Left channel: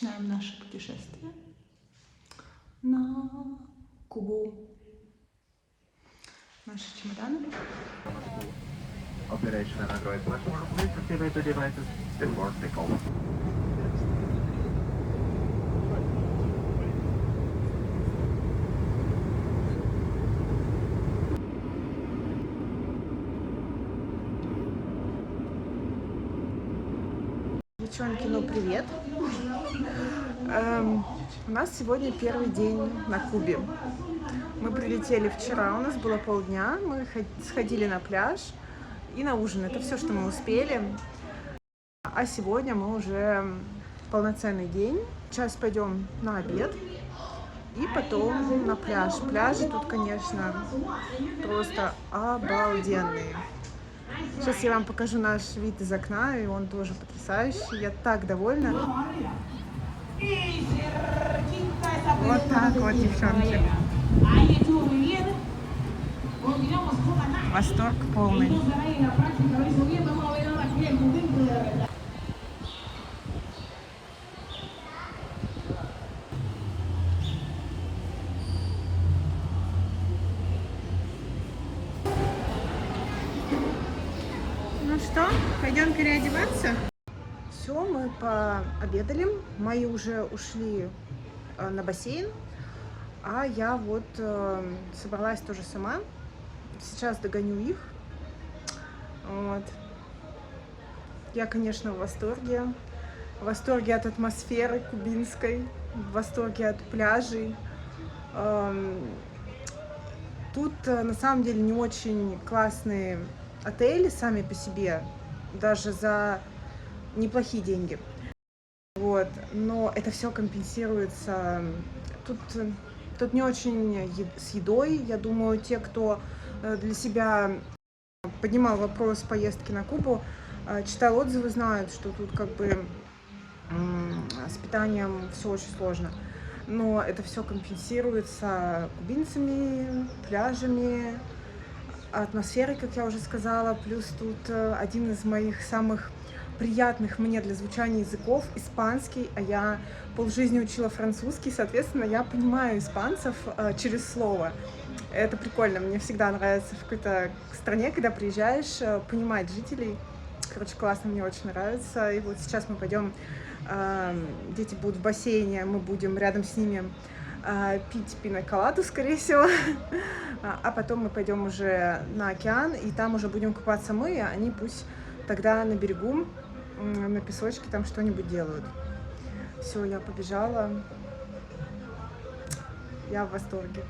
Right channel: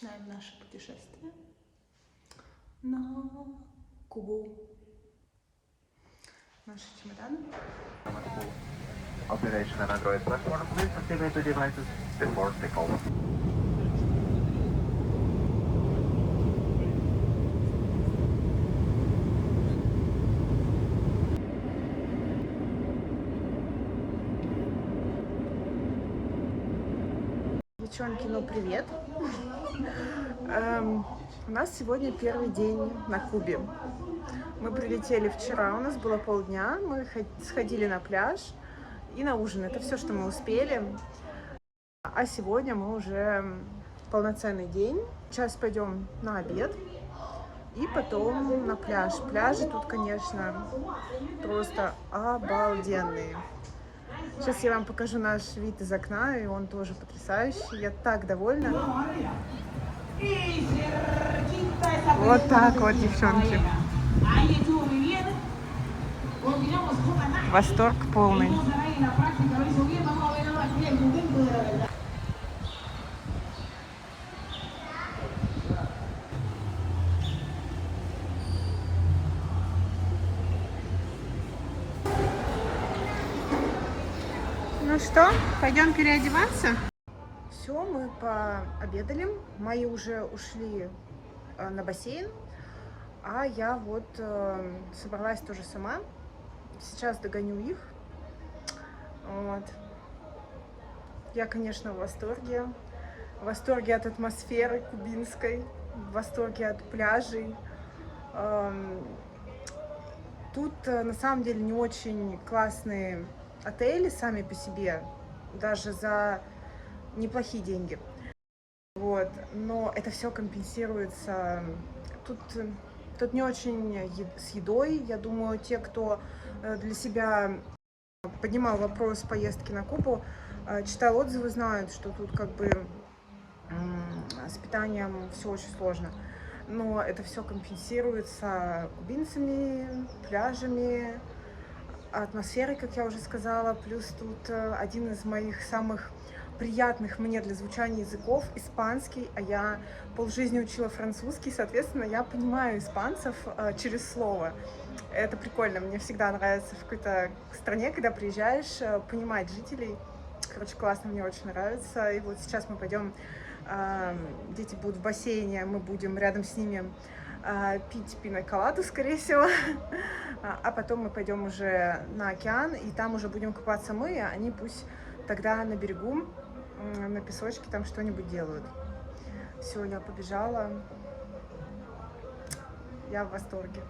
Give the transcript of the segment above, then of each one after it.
Начинаем наше путешествие на Кубу. Наши чемоданы. Operation and Android platform, please activate the devices before takeoff. Девчонки, ну привет! У нас сегодня первый день на Кубе. Мы прилетели вчера, у нас было полдня, мы сходили на пляж и на ужин. Это все, что мы успели. А сегодня мы уже полноценный день. Сейчас пойдем на обед и потом на пляж. Пляжи тут, конечно, просто обалденные. Сейчас я вам покажу наш вид из окна, и он тоже потрясающий. Я так довольна. Вот так вот, девчонки. Восторг полный. Ну что, пойдем переодеваться? Все, мы пообедали. Мои уже ушли на бассейн, а я вот собралась тоже сама. Сейчас догоню их. Вот. Я, конечно, в восторге. В восторге от атмосферы кубинской, в восторге от пляжей. Тут на самом деле не очень классные отели сами по себе, даже за неплохие деньги. Вот. Но это все компенсируется. Тут не очень с едой. Я думаю, те, кто для себя поднимал вопрос поездки на Кубу, читал отзывы, знают, что тут как бы с питанием все очень сложно. Но это все компенсируется кубинцами, пляжами, атмосферой, как я уже сказала. Плюс тут один из моих самых приятных мне для звучания языков — испанский, а я полжизни учила французский, соответственно, я понимаю испанцев через слово. Это прикольно, мне всегда нравится в какой-то стране, когда приезжаешь, понимать жителей. Короче, классно, мне очень нравится. И вот сейчас мы пойдем, дети будут в бассейне, мы будем рядом с ними пить пина-коладу, скорее всего. А потом мы пойдем уже на океан, и там уже будем купаться мы, а они пусть тогда на берегу, на песочке там что-нибудь делают. Все, я побежала. Я в восторге.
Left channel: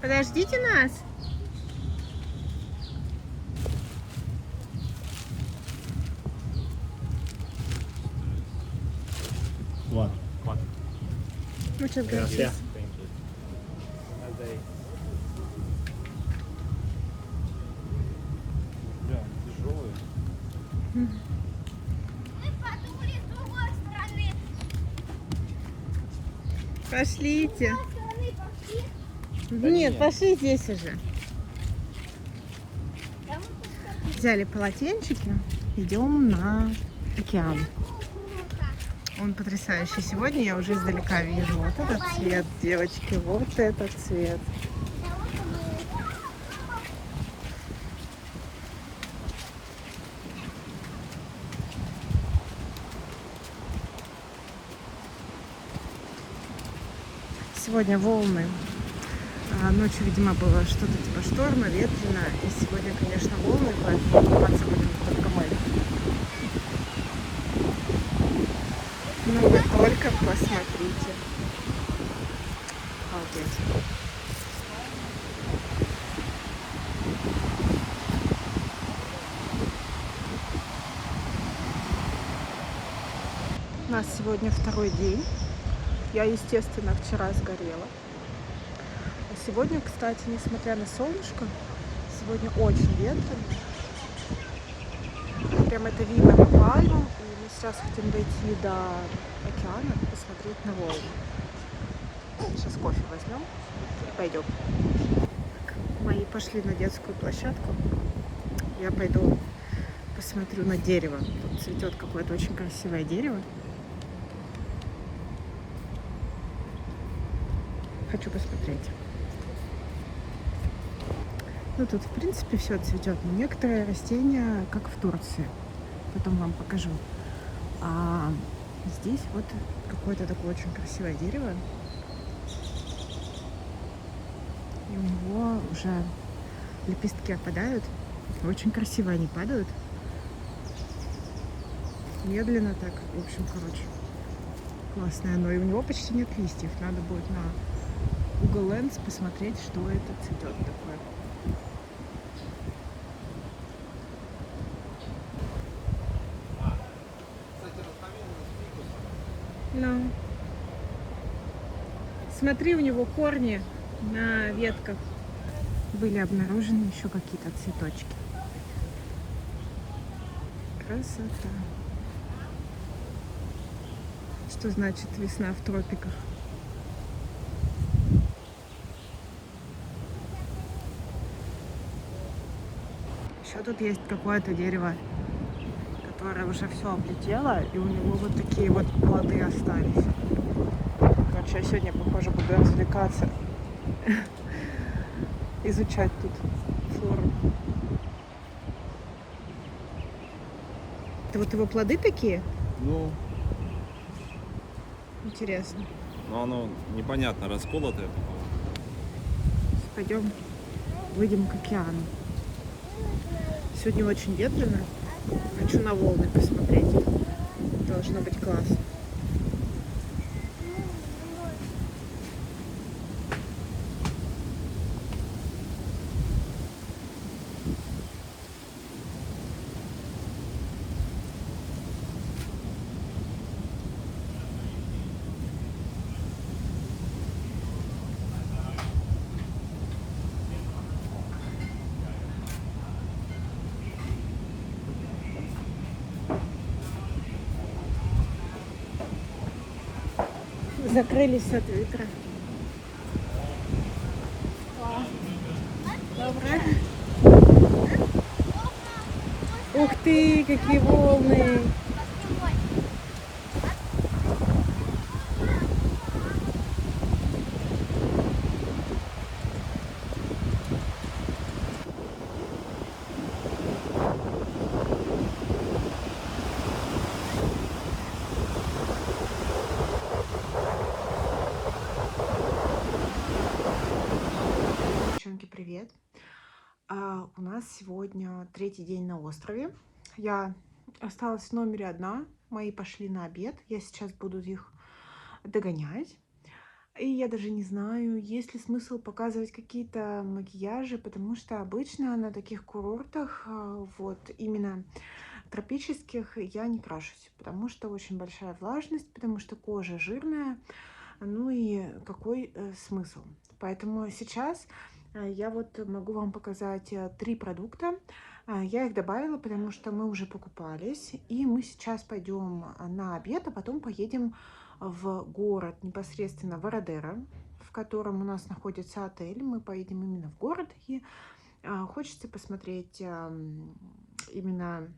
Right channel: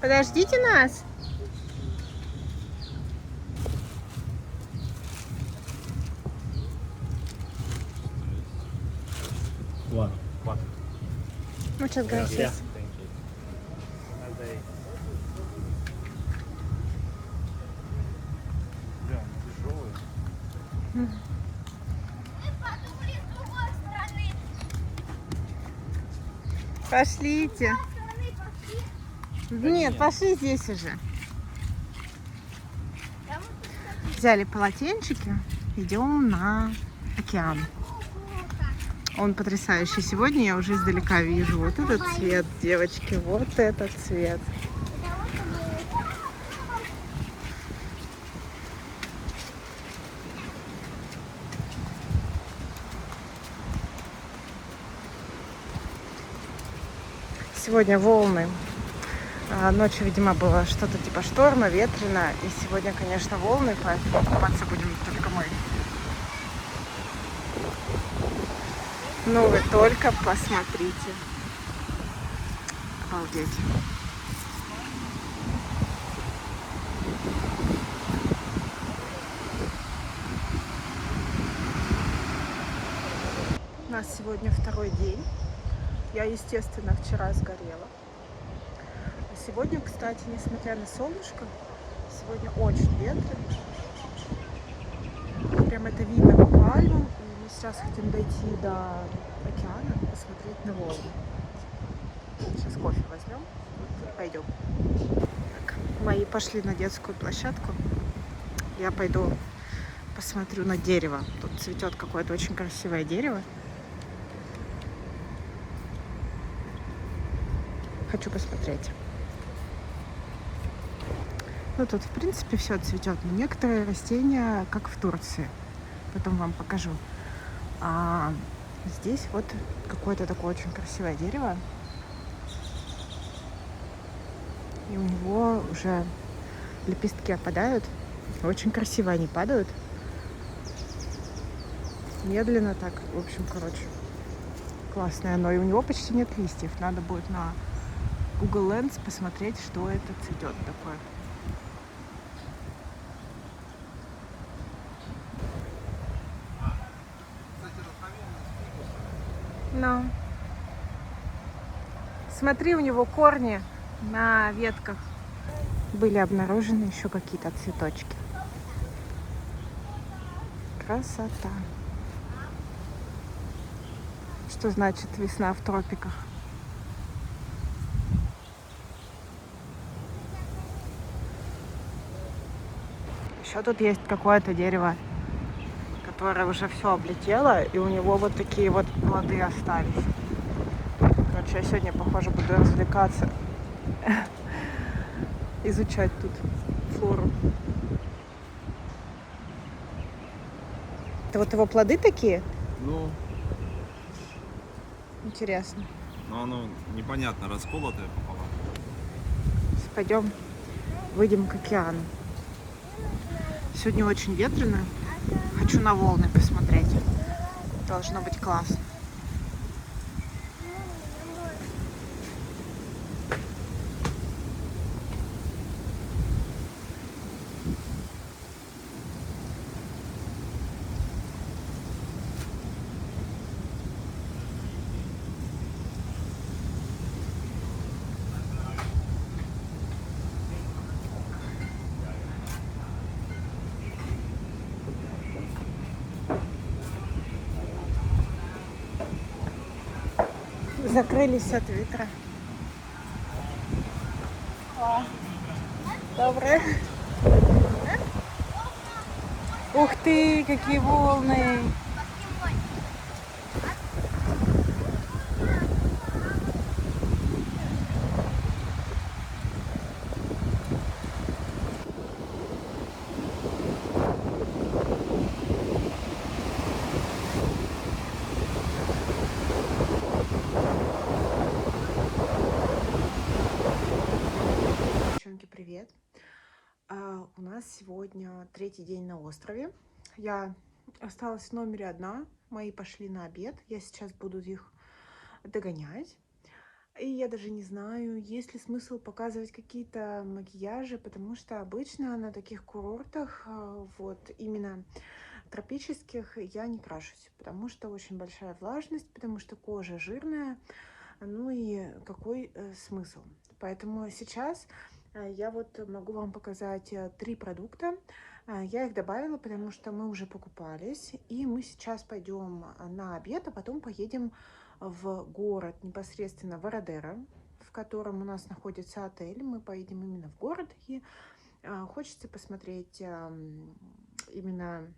Подождите нас. Muchas gracias. Пошлите. Нет, пошли здесь уже. Взяли полотенчики, идем на океан. Он потрясающий. Сегодня я уже издалека вижу вот этот цвет, девочки, вот этот цвет. Сегодня волны. Ночью, видимо, было что-то типа типа шторма, ветрено. И сегодня, конечно, волны, поэтому купаться будем только мы. Ну вы только посмотрите. Обалдеть. У нас сегодня второй день. Я, естественно, вчера сгорела. А сегодня, кстати, несмотря на солнышко, сегодня очень ветрено. Прям это видно по пальмам. И мы сейчас хотим дойти до океана, посмотреть на волны. Сейчас кофе возьмем и пойдем. Так, мои пошли на детскую площадку. Я пойду посмотрю на дерево. Тут цветет какое-то очень красивое дерево. Хочу посмотреть. Ну, тут, в принципе, все цветет. Но некоторые растения, как в Турции. Потом вам покажу. А здесь вот какое-то такое очень красивое дерево. И у него уже лепестки опадают. Очень красиво они падают. Медленно так. В общем, короче, классное оно. И у него почти нет листьев. Надо будет на Google Lens посмотреть, что это цветет такое. Ну, смотри, у него корни на ветках. Были обнаружены еще какие-то цветочки. Красота. Что значит весна в тропиках? Еще тут есть какое-то дерево, которое уже все облетело, и у него вот такие вот плоды остались. Короче, я сегодня, похоже, буду развлекаться, изучать тут флору. Это вот его плоды такие? Ну, Интересно. но оно непонятно, расколотое пополам. Пойдем, выйдем к океану. Сегодня очень ветрено. Хочу на волны посмотреть. Должно быть классно. Закрылись от ветра. Доброе. Ух ты, какие волны! Девчонки, привет! У нас сегодня третий день на острове. Я осталась в номере одна. Мои пошли на обед. Я сейчас буду их догонять. И я даже не знаю, есть ли смысл показывать какие-то макияжи, потому что обычно на таких курортах, вот именно тропических, я не крашусь, потому что очень большая влажность, потому что кожа жирная. Ну и какой смысл? Поэтому сейчас я вот могу вам показать 3 продукта. Я их добавила, потому что мы уже покупались. И мы сейчас пойдем на обед, а потом поедем в город, непосредственно в Орадеро, в котором у нас находится отель. Мы поедем именно в город. И хочется посмотреть именно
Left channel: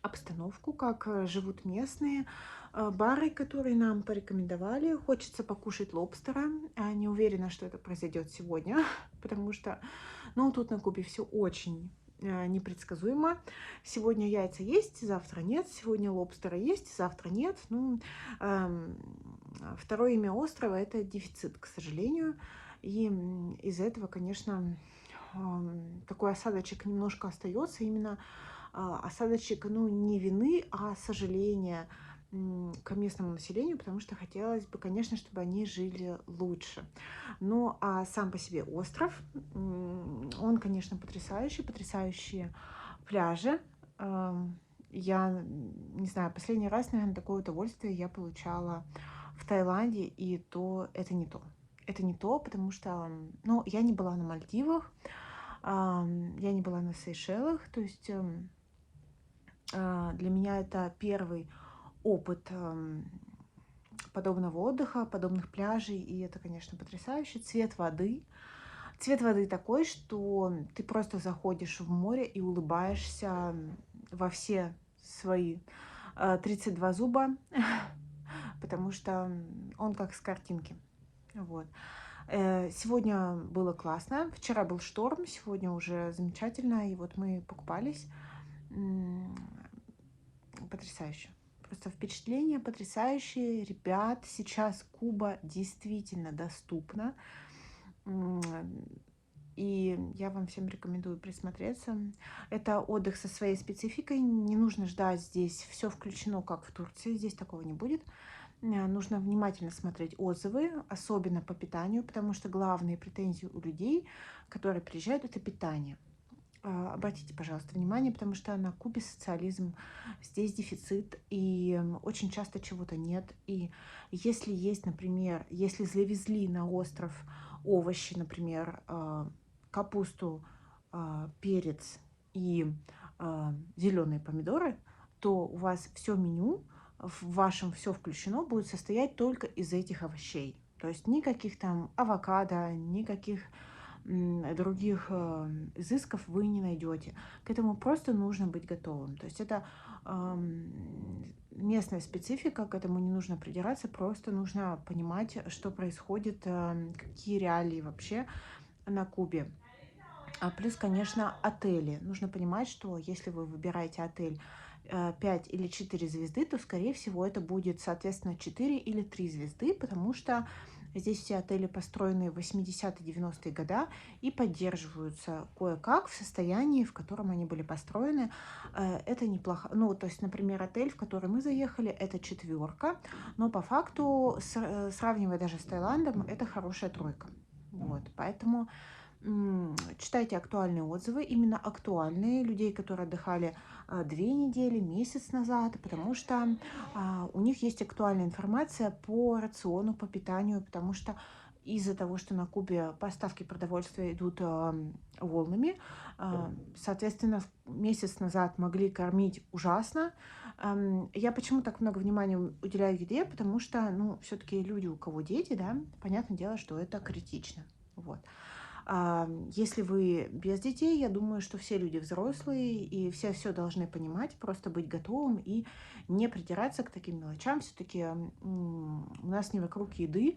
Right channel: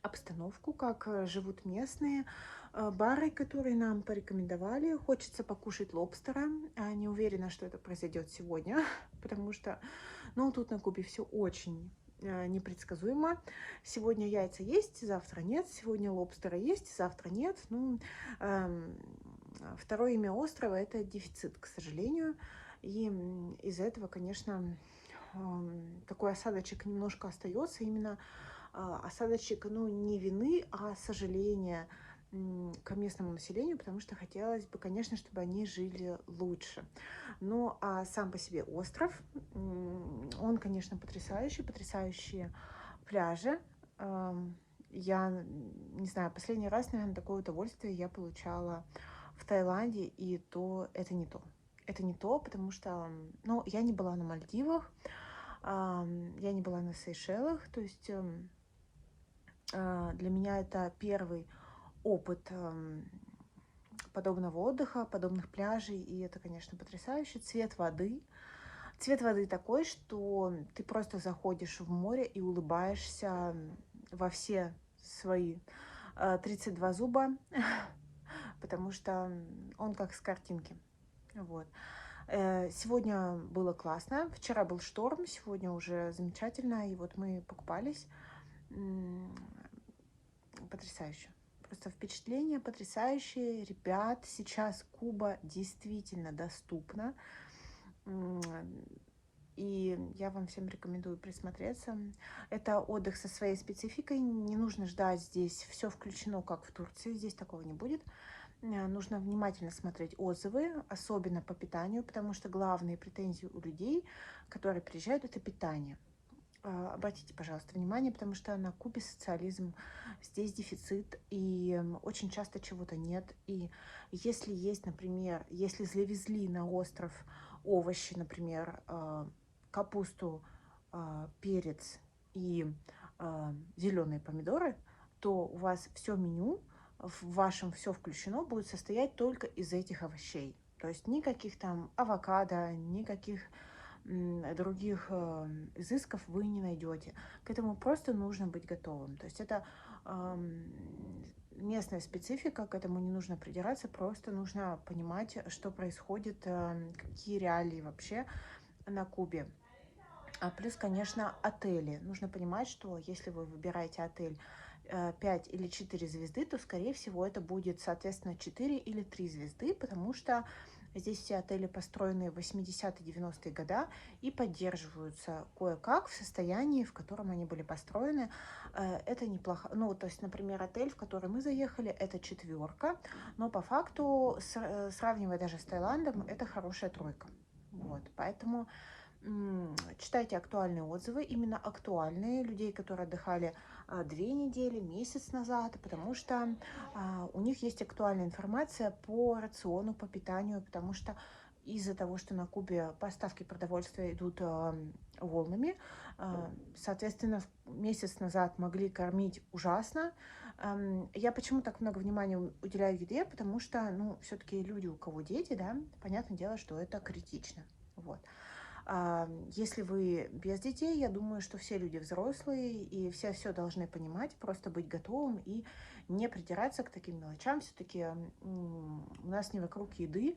обстановку, как живут местные, бары, которые нам порекомендовали. Хочется покушать лобстера. Не уверена, что это произойдет сегодня, потому что, ну, тут на Кубе все очень непредсказуемо. Сегодня яйца есть, завтра нет. Сегодня лобстера есть, завтра нет. Ну, второе имя острова — это дефицит, к сожалению. И из-за этого, конечно, такой осадочек немножко остается, именно осадочек, ну, не вины, а сожаления к местному населению, потому что хотелось бы, конечно, чтобы они жили лучше. Ну, а сам по себе остров, он, конечно, потрясающий, потрясающие пляжи. Я не знаю, последний раз, наверное, такое удовольствие я получала в Таиланде, и то это не то. Это не то, потому что, ну, я не была на Мальдивах, я не была на Сейшелах, то есть для меня это первый опыт подобного отдыха, подобных пляжей, и это, конечно, потрясающе. Цвет воды. Цвет воды такой, что ты просто заходишь в море и улыбаешься во все свои 32 зуба, потому что он как с картинки. Вот. Сегодня было классно, вчера был шторм, сегодня уже замечательно, и вот мы покупались. Потрясающе. Просто впечатления потрясающие. Ребят, сейчас Куба действительно доступна. И я вам всем рекомендую присмотреться. Это отдых со своей спецификой. Не нужно ждать здесь все включено, как в Турции. Здесь такого не будет. Нужно внимательно смотреть отзывы, особенно по питанию, потому что главные претензии у людей, которые приезжают, это питание. Обратите, пожалуйста, внимание, потому что на Кубе социализм, здесь дефицит, и очень часто чего-то нет. И если есть, например, если завезли на остров овощи, например, капусту, перец и зеленые помидоры, то у вас все меню в вашем все включено будет состоять только из этих овощей. То есть никаких там авокадо, никаких других изысков вы не найдете. К этому просто нужно быть готовым. То есть это местная специфика, к этому не нужно придираться, просто нужно понимать, что происходит, какие реалии вообще на Кубе. Плюс, конечно, отели. Нужно понимать, что если вы выбираете отель 5 или 4 звезды, то, скорее всего, это будет, соответственно, 4 или 3 звезды, потому что здесь все отели построены в 80-90-е годы и поддерживаются кое-как в состоянии, в котором они были построены. Это неплохо. Ну, то есть, например, отель, в который мы заехали, это 4, но по факту, сравнивая даже с Таиландом, это хорошая 3. Вот, поэтому читайте актуальные отзывы, именно актуальные, людей, которые отдыхали 2 недели, месяц назад, потому что у них есть актуальная информация по рациону, по питанию, потому что из-за того, что на Кубе поставки продовольствия идут волнами, соответственно, месяц назад могли кормить ужасно. Я почему так много внимания уделяю еде, потому что, ну, все-таки люди, у кого дети, да, понятное дело, что это критично. Вот. Если вы без детей, я думаю, что все люди взрослые и все должны понимать, просто быть готовым и не придираться к таким мелочам. Все-таки у нас не вокруг еды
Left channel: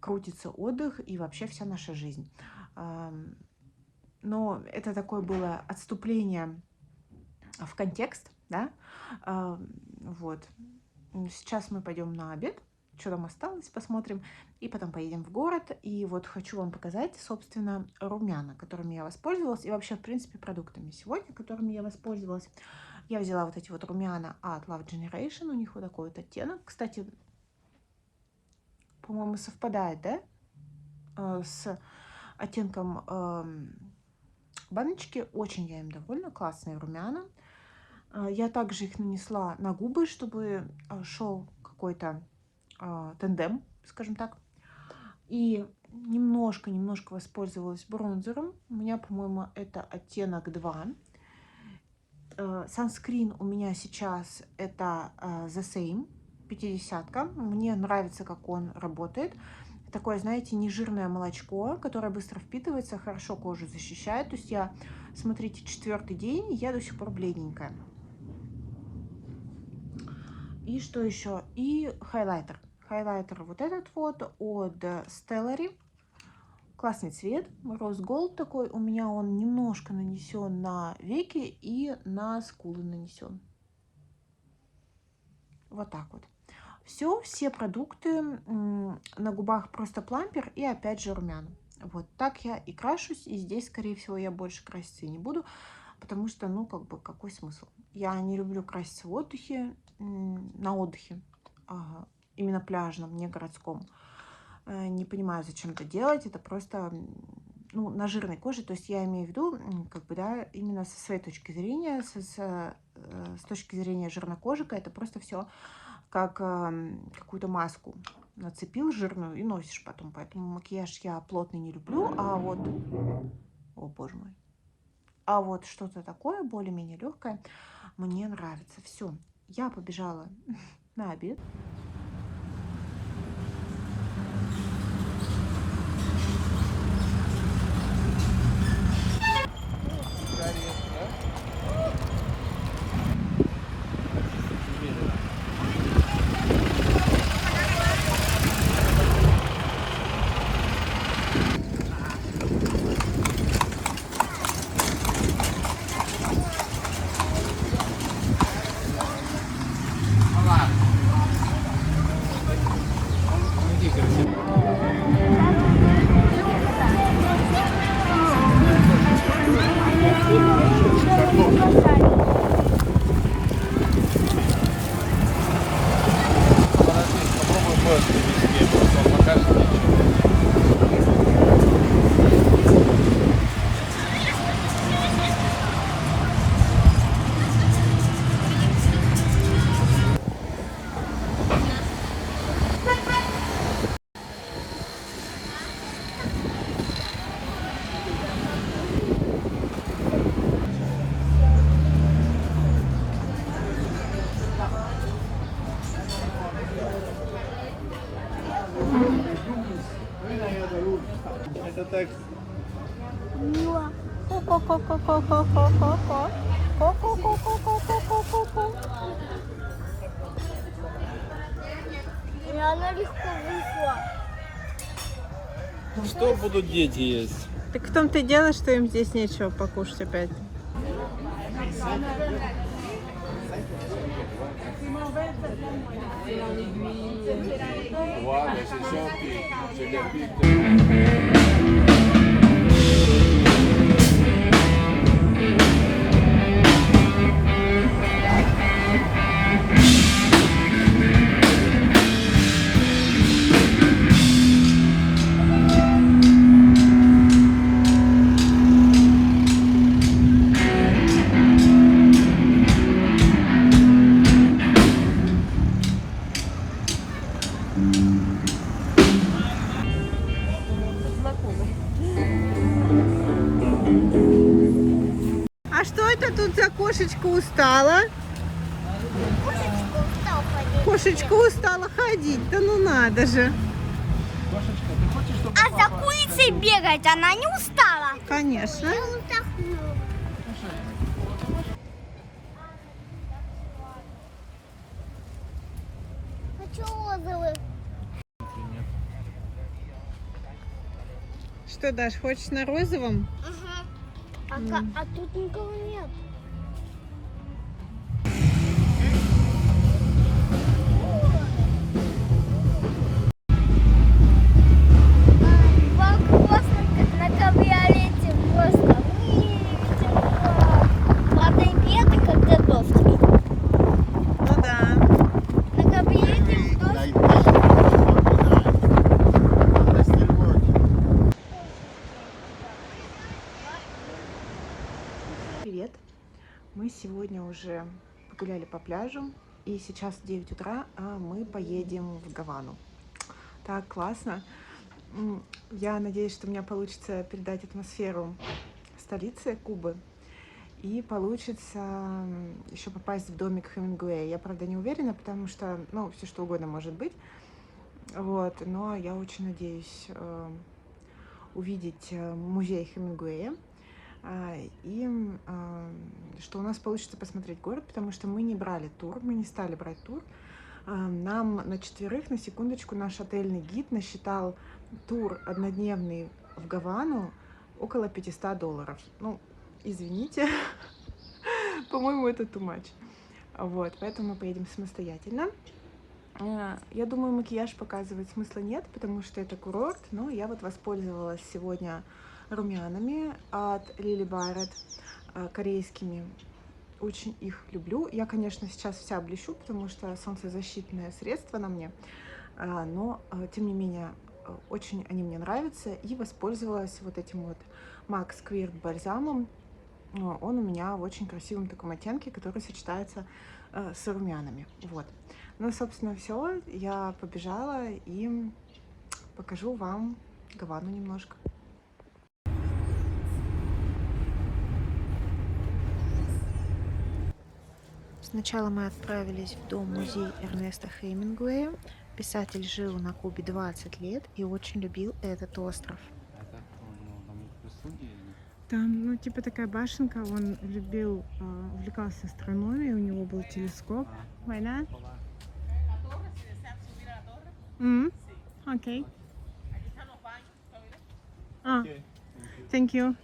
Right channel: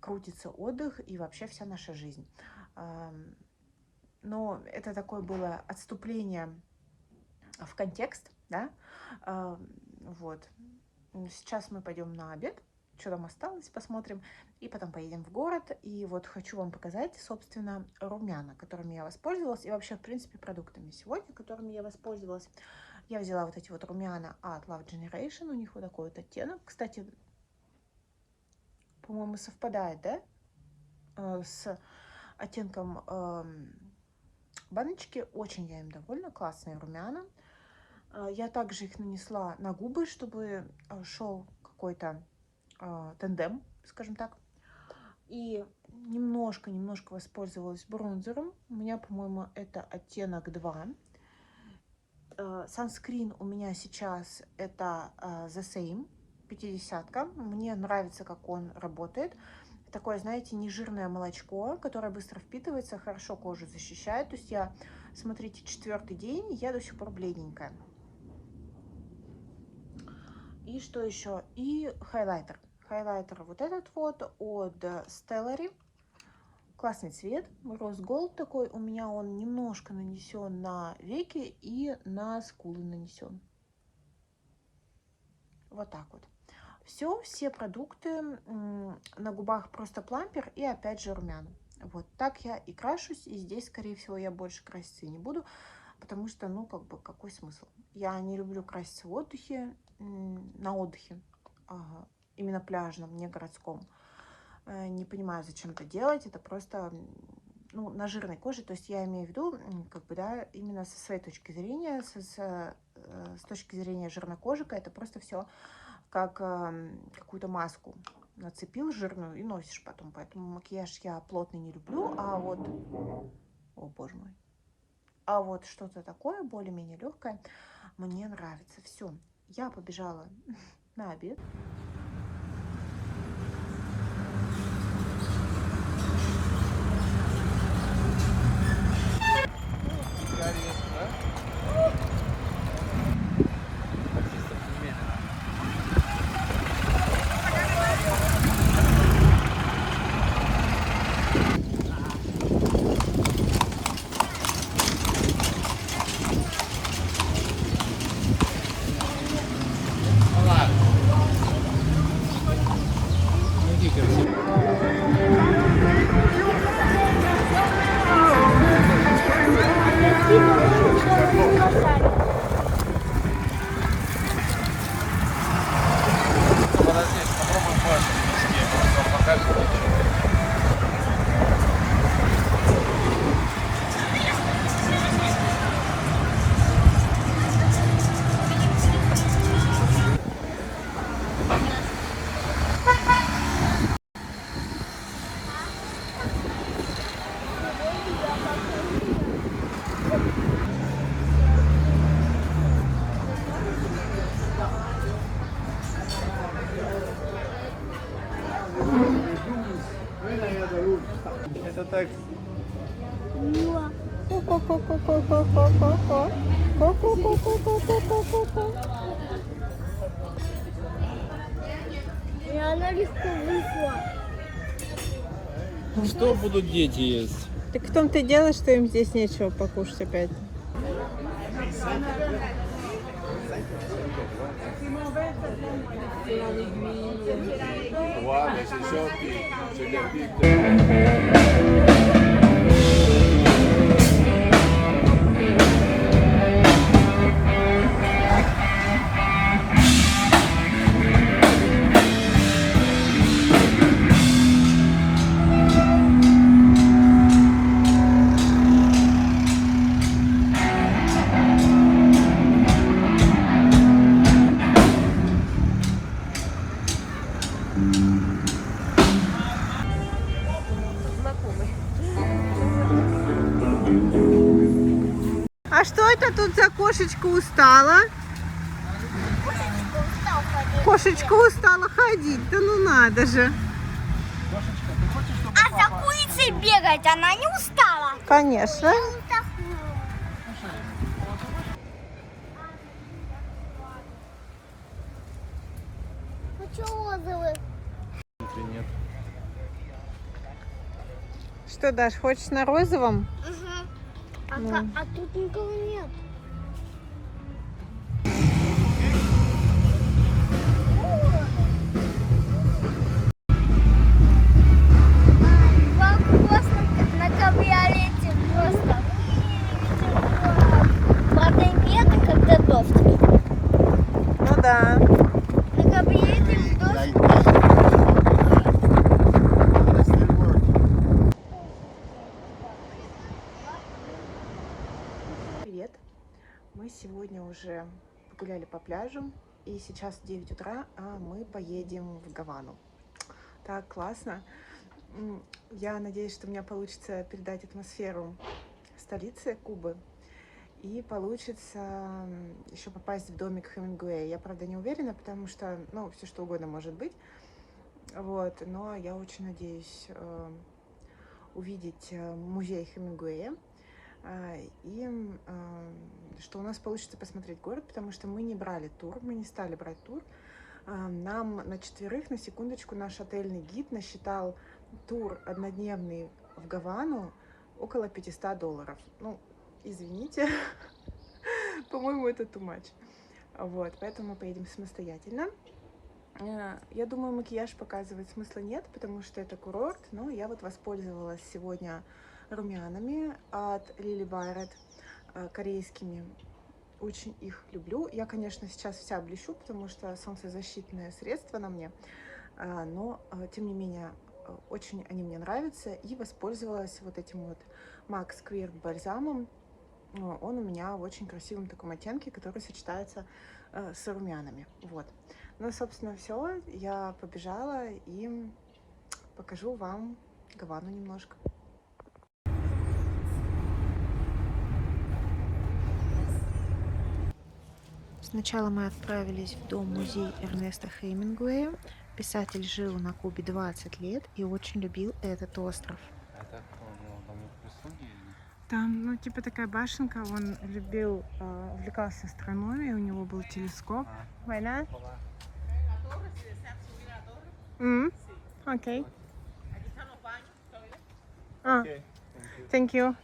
крутится отдых и вообще вся наша жизнь. Но это такое было отступление в контекст, да. Вот. Сейчас мы пойдем на обед. Что там осталось, посмотрим. И потом поедем в город. И вот хочу вам показать, собственно, румяна, которыми я воспользовалась. И вообще, в принципе, продуктами сегодня, которыми я воспользовалась. Я взяла вот эти вот румяна от Love Generation. У них вот такой вот оттенок. Кстати, по-моему, совпадает, да? С оттенком баночки. Очень я им довольна. Классные румяна. Я также их нанесла на губы, чтобы шел какой-то тандем, скажем так. И немножко воспользовалась бронзером. У меня, по-моему, это оттенок 2. Санскрин у меня сейчас это The Same 50-ка. Мне нравится, как он работает. Такое, знаете, нежирное молочко, которое быстро впитывается, хорошо кожу защищает. То есть я, смотрите, 4-й день, я до сих пор бледненькая. И что еще? И хайлайтер. Хайлайтер вот этот вот от Stellary. Классный цвет. Rose Gold такой. У меня он немножко нанесен на веки и на скулы нанесен. Вот так вот. Все продукты. На губах просто плампер и опять же румяна. Вот так я и крашусь, и здесь, скорее всего, я больше краситься и не буду, потому что, ну, как бы, какой смысл? Я не люблю краситься в отдыхе, на отдыхе, именно пляжном, не городском. Не понимаю, зачем это делать, это просто, ну, на жирной коже, то есть я имею в виду, как бы, да, именно со своей точки зрения, с точки зрения жирнокожика, это просто все как какую-то маску нацепил жирную и носишь потом, поэтому макияж я плотный не люблю, а вот, о боже мой, а вот что-то такое более-менее легкое мне нравится. Все, я побежала на обед. Это так. И она легко вышла. Что будут дети есть? Так в том-то и дело, что им здесь нечего покушать опять. А что это тут за кошечка устала? Кошечка устала ходить, да ну надо же. А за курицей бегать она не устала? Конечно. Хочу розовый. Нет. Что, Даш, хочешь на розовом? А тут никого нет. На кабриолете просто. Правда, нет, когда дождь. Ну да. На кабриолете дождь. Привет. Мы сегодня уже погуляли по пляжу, и сейчас 9 утра, а мы поедем в Гавану. Так классно. Я надеюсь, что у меня получится передать атмосферу столицы Кубы. И получится еще попасть в домик Хемингуэя. Я, правда, не уверена, потому что, ну, все что угодно может быть. Вот, но я очень надеюсь увидеть музей Хемингуэя. И что у нас получится посмотреть город, потому что мы не брали тур, мы не стали брать тур. Нам на 4, на секундочку, наш отельный гид насчитал тур однодневный в Гавану около $500. Ну, извините, по-моему, это too much. Вот, поэтому мы поедем самостоятельно. Я думаю, макияж показывать смысла нет, потому что это курорт, но я вот воспользовалась сегодня румянами от Lily Barrett, корейскими. Очень их люблю. Я, конечно, сейчас вся блещу, потому что солнцезащитное средство на мне, но, тем не менее, очень они мне нравятся. И воспользовалась вот этим вот Max Queer бальзамом. Он у меня в очень красивом таком оттенке, который сочетается с румянами. Вот. Ну, собственно, все. Я побежала и покажу вам Гавану немножко. Сначала мы отправились в дом-музей Эрнеста Хемингуэя. Писатель жил на Кубе 20 лет и очень любил этот остров. Это кто был? Там прислуги или? Там, ну, типа такая башенка, он любил, увлекался астрономией, у него был телескоп. Война? Окей. Thank you.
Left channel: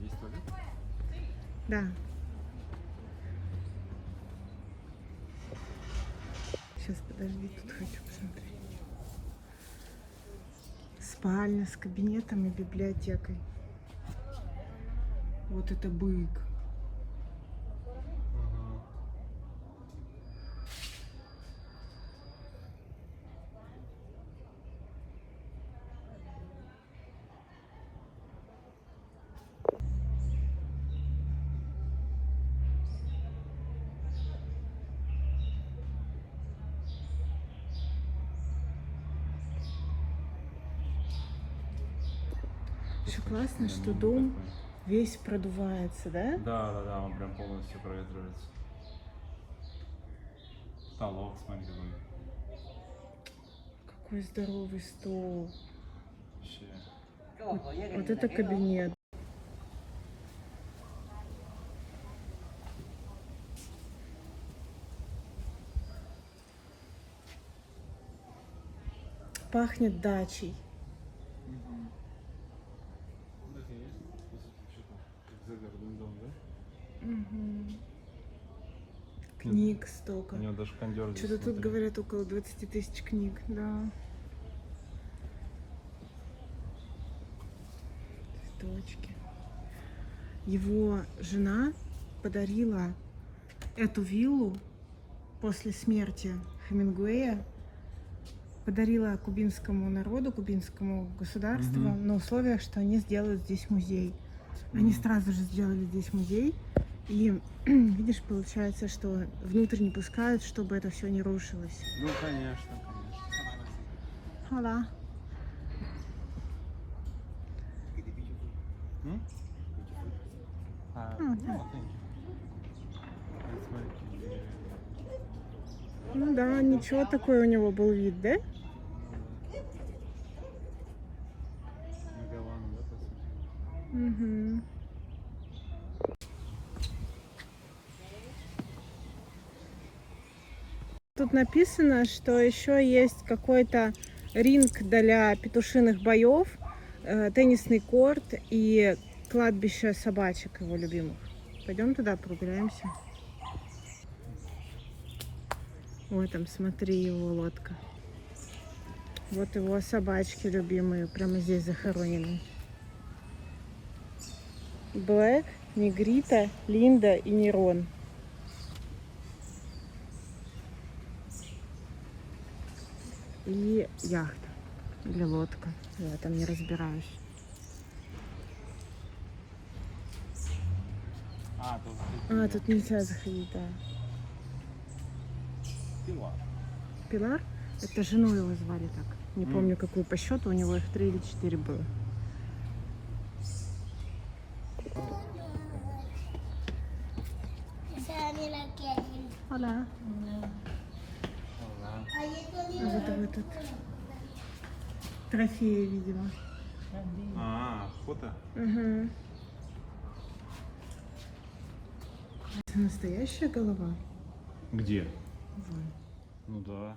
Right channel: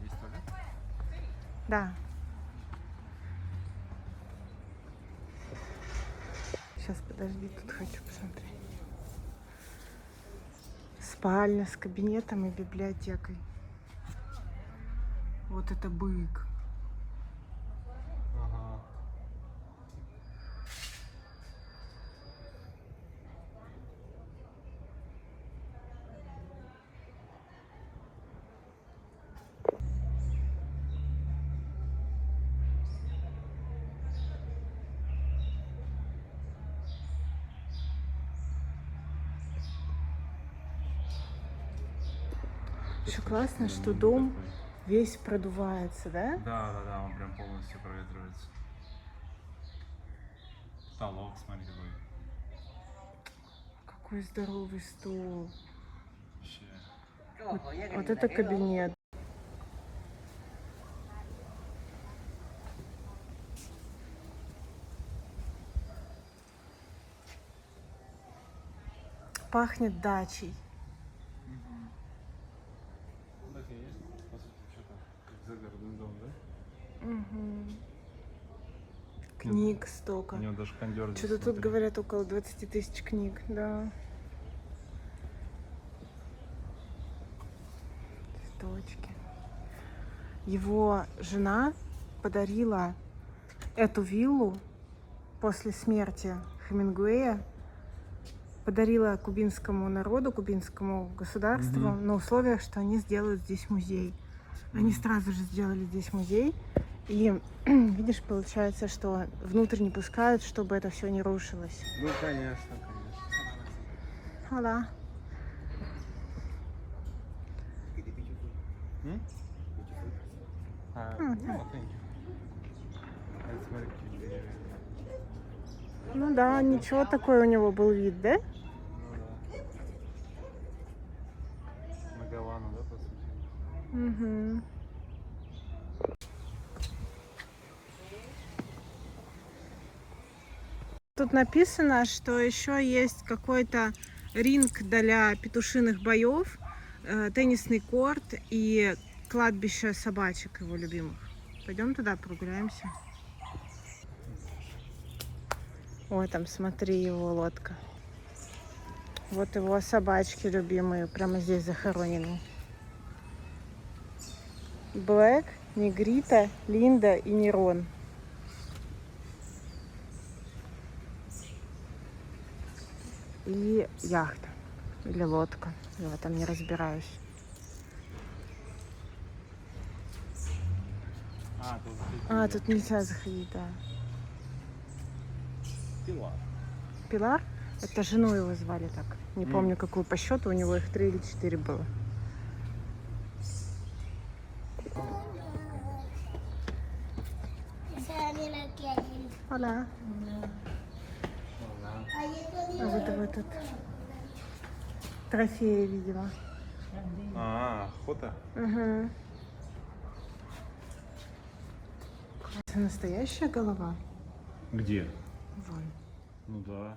Есть туалет? Да. Сейчас, подожди, тут хочу посмотреть. Спальня с кабинетом и библиотекой. Вот это бык. Ага. Еще классно, что дом весь продувается, да? Да, он прям полностью проветривается. Потолок, смотри, какой. Какой здоровый стол. Вообще. Вот это кабинет. Пахнет дачей. Так и есть. По сути, что-то как загородный дом, да? Угу. Книг столько. У него даже кондер. Что-то тут говорят около 20 тысяч книг, да. Цветочки. Его жена подарила эту виллу после смерти Хемингуэя, подарила кубинскому народу, кубинскому государству на условиях, что они сделают здесь музей. Они сразу же сделали здесь музей. И видишь, получается, что внутрь не пускают, чтобы это все не рушилось. Ну, конечно. Hola. Ну да, ничего, такой у него был вид, да? На Гавану, да, по сути? Угу. Тут написано, что еще есть какой-то ринг для петушиных боев, теннисный корт и кладбище собачек его любимых. Пойдем туда прогуляемся. Ой, там смотри, его лодка. Вот его собачки любимые, прямо здесь захоронены. Блэк, Негрита, Линда и Нерон. И яхта или лодка. Я в этом не разбираюсь. Тут нельзя заходить, да. Пилар. Пилар? Это жену его звали так. Не помню, какую по счету. У него их 3 или 4 было. Hola. А вот тут трофеи, видимо. Охота? Угу. Это настоящая голова? Где? Вон. Ну да.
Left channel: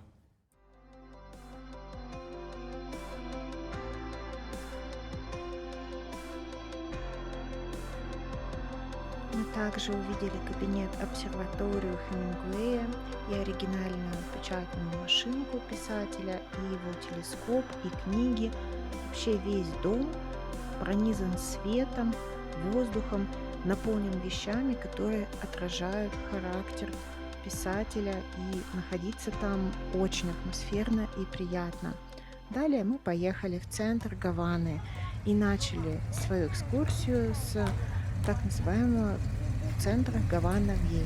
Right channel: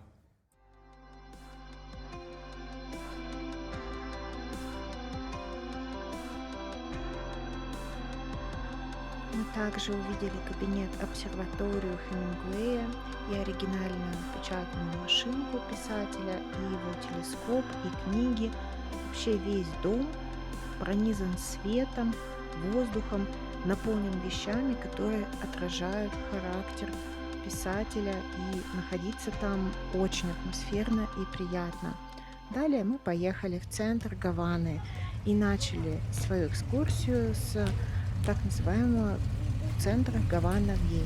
Мы также увидели кабинет обсерваторию Хемингуэя и оригинальную печатную машинку писателя, и его телескоп, и книги. Вообще весь дом пронизан светом, воздухом, наполнен вещами, которые отражают характер писателя, и находиться там очень атмосферно и приятно. Далее мы поехали в центр Гаваны и начали свою экскурсию с так называемого центра Гавана Вьея.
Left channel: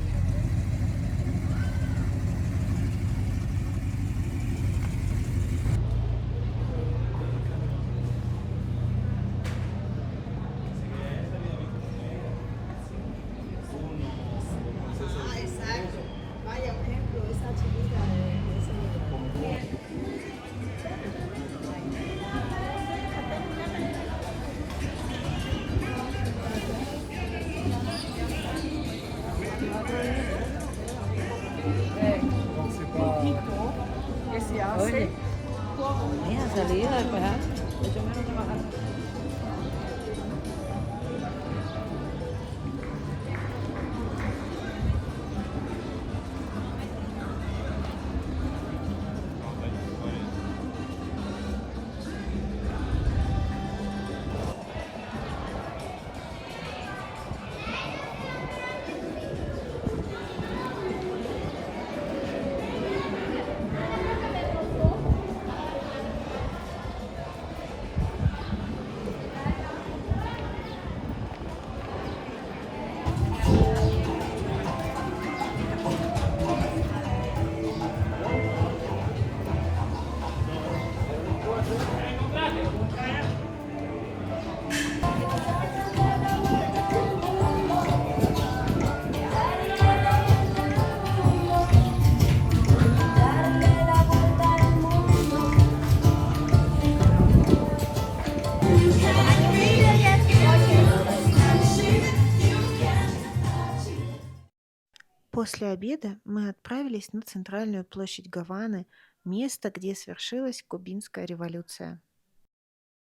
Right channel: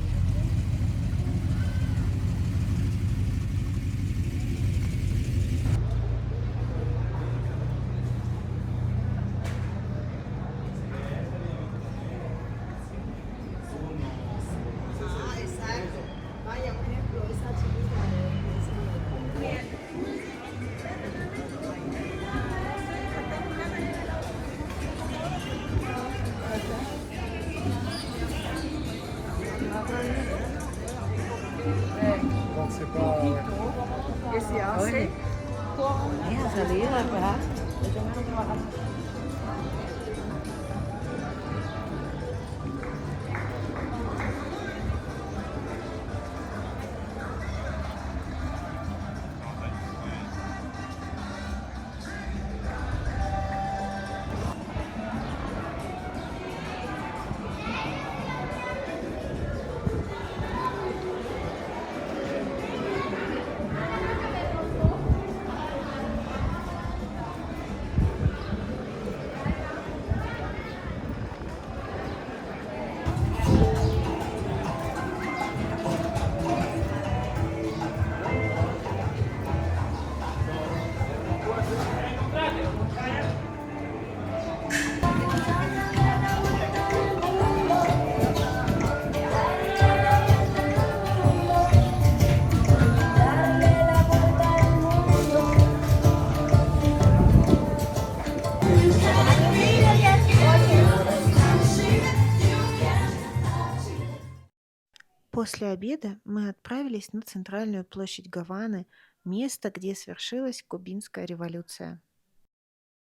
После обеда мы отправились на центральную площадь Гаваны, место, где свершилась Кубинская революция.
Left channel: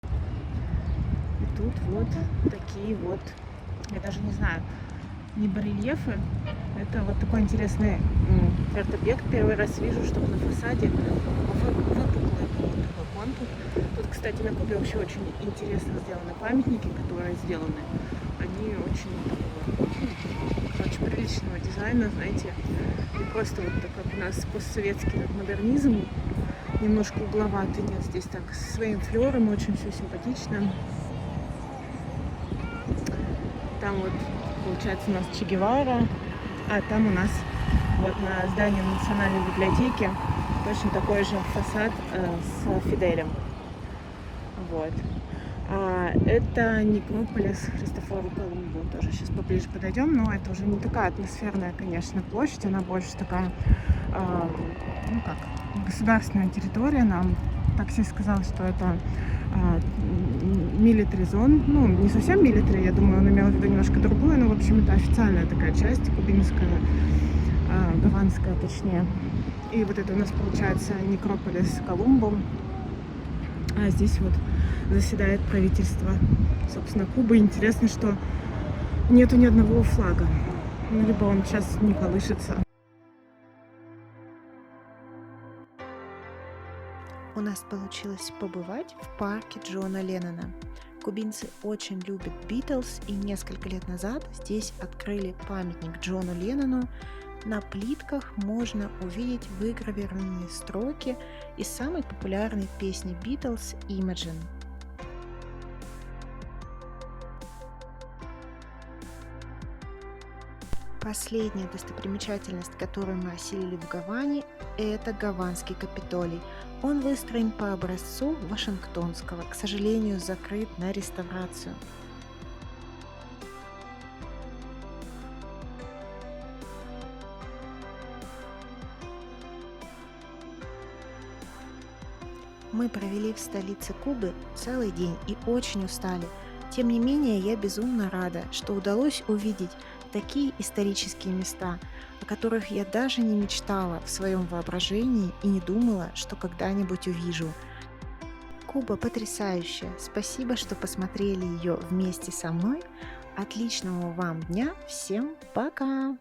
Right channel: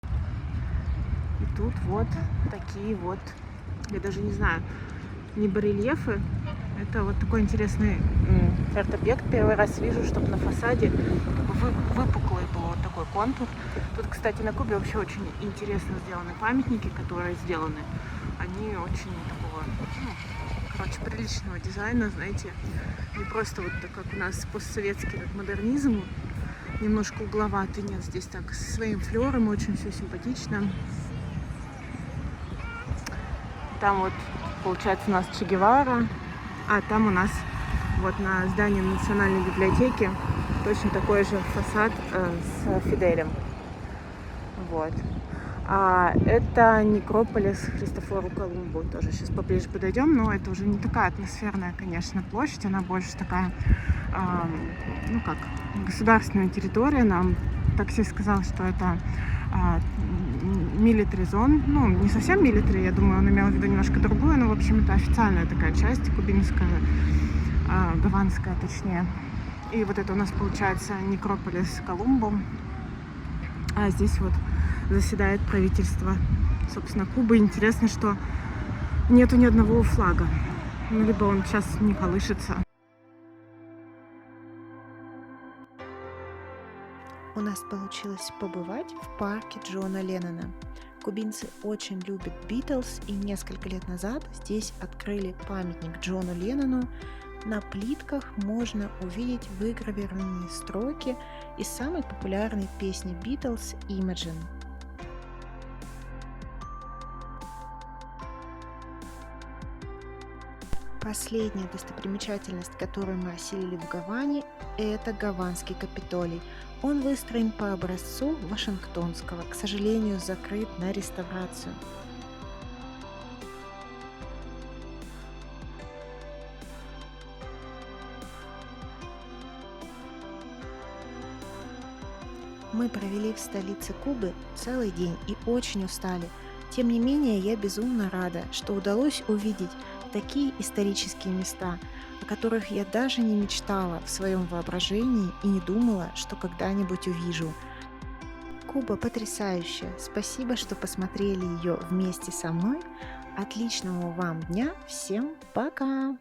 И тут вот такие вот, я даже не знаю, не барельефы, это вот такой интересный арт-объект. Первый раз вижу, чтобы на фасаде выпуклый был вот такой контур. Тут, кстати, на Кубе вообще очень интересно сделаны памятники, которые сделаны. Они очень такого, приличного дизайна, знаете, не просто вот так, как у нас постсоветский модернизм, немножко угловатый. Нет, здесь так со своим флером очень все симпатично. Там вот получается у нас Че Гевара, а там у нас вот на здании Национальной библиотеки точно такой же фасад с Фиделем. Вот. А это некрополис Христофору Колумбу. Тоже сейчас поближе подойдем, но это уже не такая атмосферная, конечно, площадь, она больше такая, ну как, государственная территория. Нам таксист сказал, что это military zone, ну не совсем military, я думаю, он имел в виду немножко другое, но в общем это официальная такая часть, кубинская, гаванская точнее. И вот это у нас получается некрополис Колумбу, а здесь вот заседает правительство, собственно, Кубы. Интересно, что нету ни одного флага, ну, либо он сейчас не колышется. У нас получилось побывать в парке Джона Леннона. Кубинцы очень любят Битлз, и несколько лет назад здесь открыли памятник Джону Леннону. На плитках можно увидеть выгравированные строки из самой популярной песни Битлз «Imagine». Последняя достопримечательность, которую мы осилили в Гаване, это Гаванский Капитолий. Он выстроен по образцу Вашингтонского, к сожалению, закрыт на реставрацию. Мы провели в столице Кубы целый день и очень устали. Тем не менее, я безумно рада, что удалось увидеть такие исторические места, о которых я даже не мечтала в своем воображении и не думала, что когда-нибудь увижу. Куба потрясающая. Спасибо, что посмотрели ее вместе со мной. Отличного вам дня. Всем пока!